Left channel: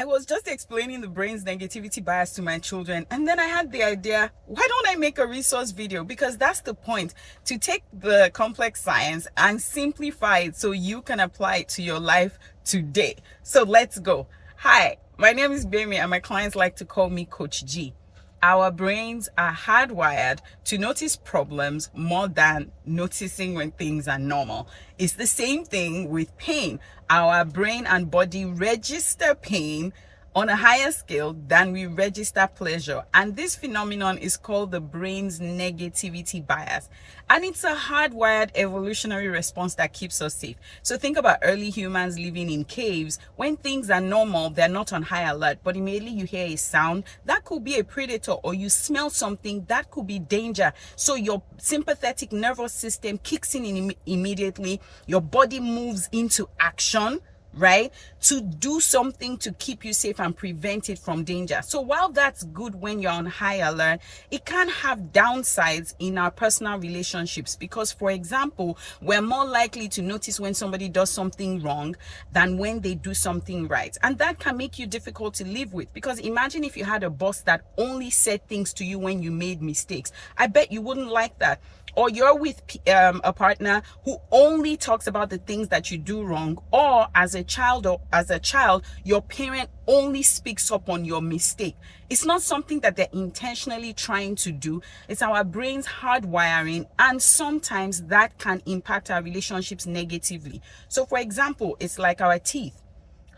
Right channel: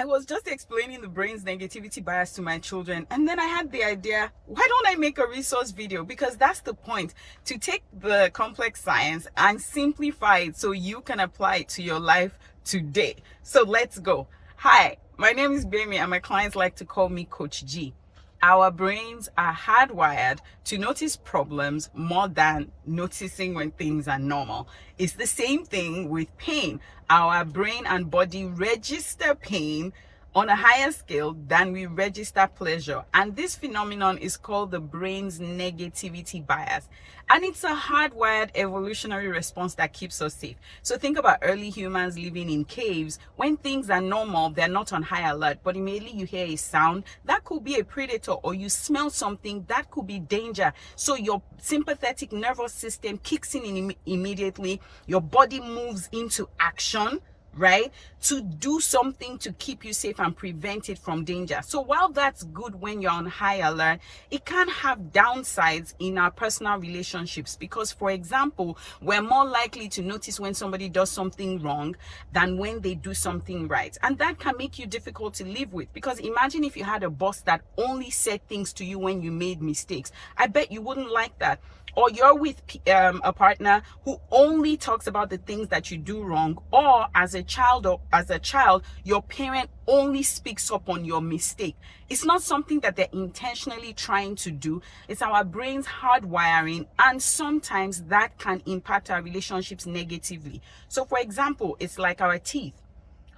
I was just explaining the brain's negativity bias to my children, and then I had the idea, why don't I make a resource video? Because that's the point, to take the complex science and simplify it so you can apply it to your life today. So let's go. Hi, my name is Gbemi and my clients like to call me Coach G. Our brains are hardwired to notice problems more than noticing when things are normal. It's the same thing with pain. Our brain and body register pain on a higher scale than we register pleasure. And this phenomenon is called the brain's negativity bias. And it's a hardwired evolutionary response that keeps us safe. So think about early humans living in caves. When things are normal, they're not on high alert, but immediately you hear a sound, that could be a predator, or you smell something, that could be danger. So your sympathetic nervous system kicks in immediately. Your body moves into action, right, to do something to keep you safe and prevent it from danger. So while that's good when you're on high alert, it can have downsides in our personal relationships, because, for example, we're more likely to notice when somebody does something wrong than when they do something right. And that can make you difficult to live with, because imagine if you had a boss that only said things to you when you made mistakes. I bet you wouldn't like that. Or you're with a partner who only talks about the things that you do wrong, or as a child, your parent only speaks up on your mistake. It's not something that they're intentionally trying to do. It's our brain's hardwiring, and sometimes that can impact our relationships negatively. So, for example, it's like our teeth,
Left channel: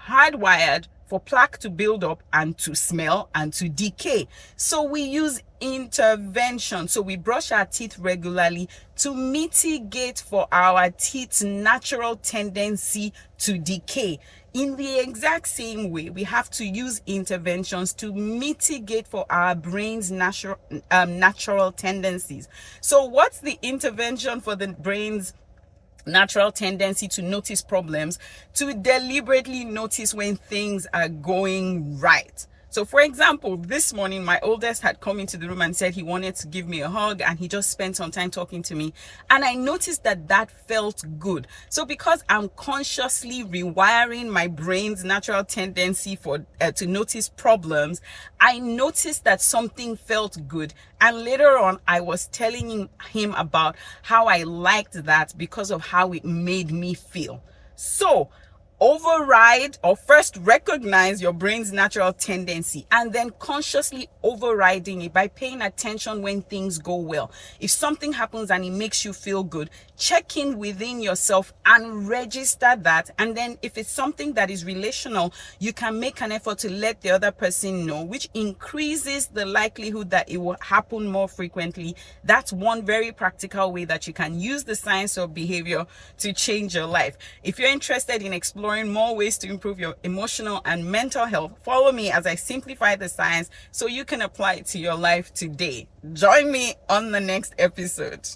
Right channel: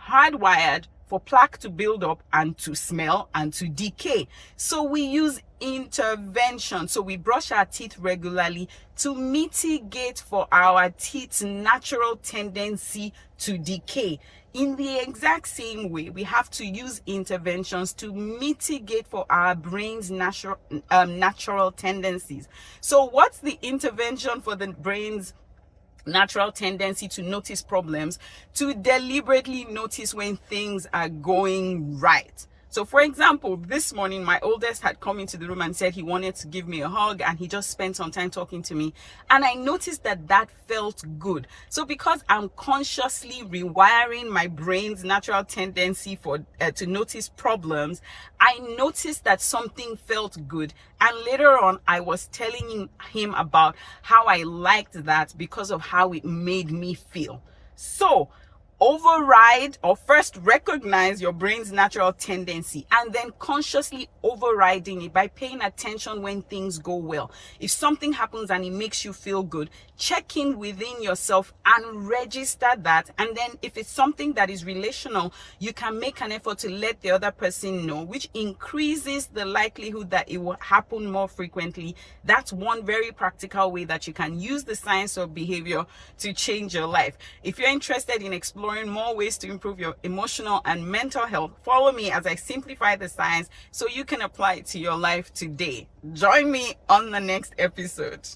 hardwired for plaque to build up and to smell and to decay. So we use intervention. So we brush our teeth regularly to mitigate for our teeth's natural tendency to decay. In the exact same way, we have to use interventions to mitigate for our brain's natural tendencies. So what's the intervention for the brain's natural tendency to notice problems? To deliberately notice when things are going right. So, for example, this morning, my oldest had come into the room and said he wanted to give me a hug, and he just spent some time talking to me. And I noticed that that felt good. So because I'm consciously rewiring my brain's natural tendency to notice problems, I noticed that something felt good. And later on, I was telling him about how I liked that because of how it made me feel. So, override, or first recognize your brain's natural tendency, and then consciously overriding it by paying attention when things go well. If something happens and it makes you feel good, check in within yourself and register that. And then if it's something that is relational, you can make an effort to let the other person know, which increases the likelihood that it will happen more frequently. That's one very practical way that you can use the science of behavior to change your life. If you're interested in exploring more ways to improve your emotional and mental health, follow me as I simplify the science so you can apply it to your life today. Join me on the next episode.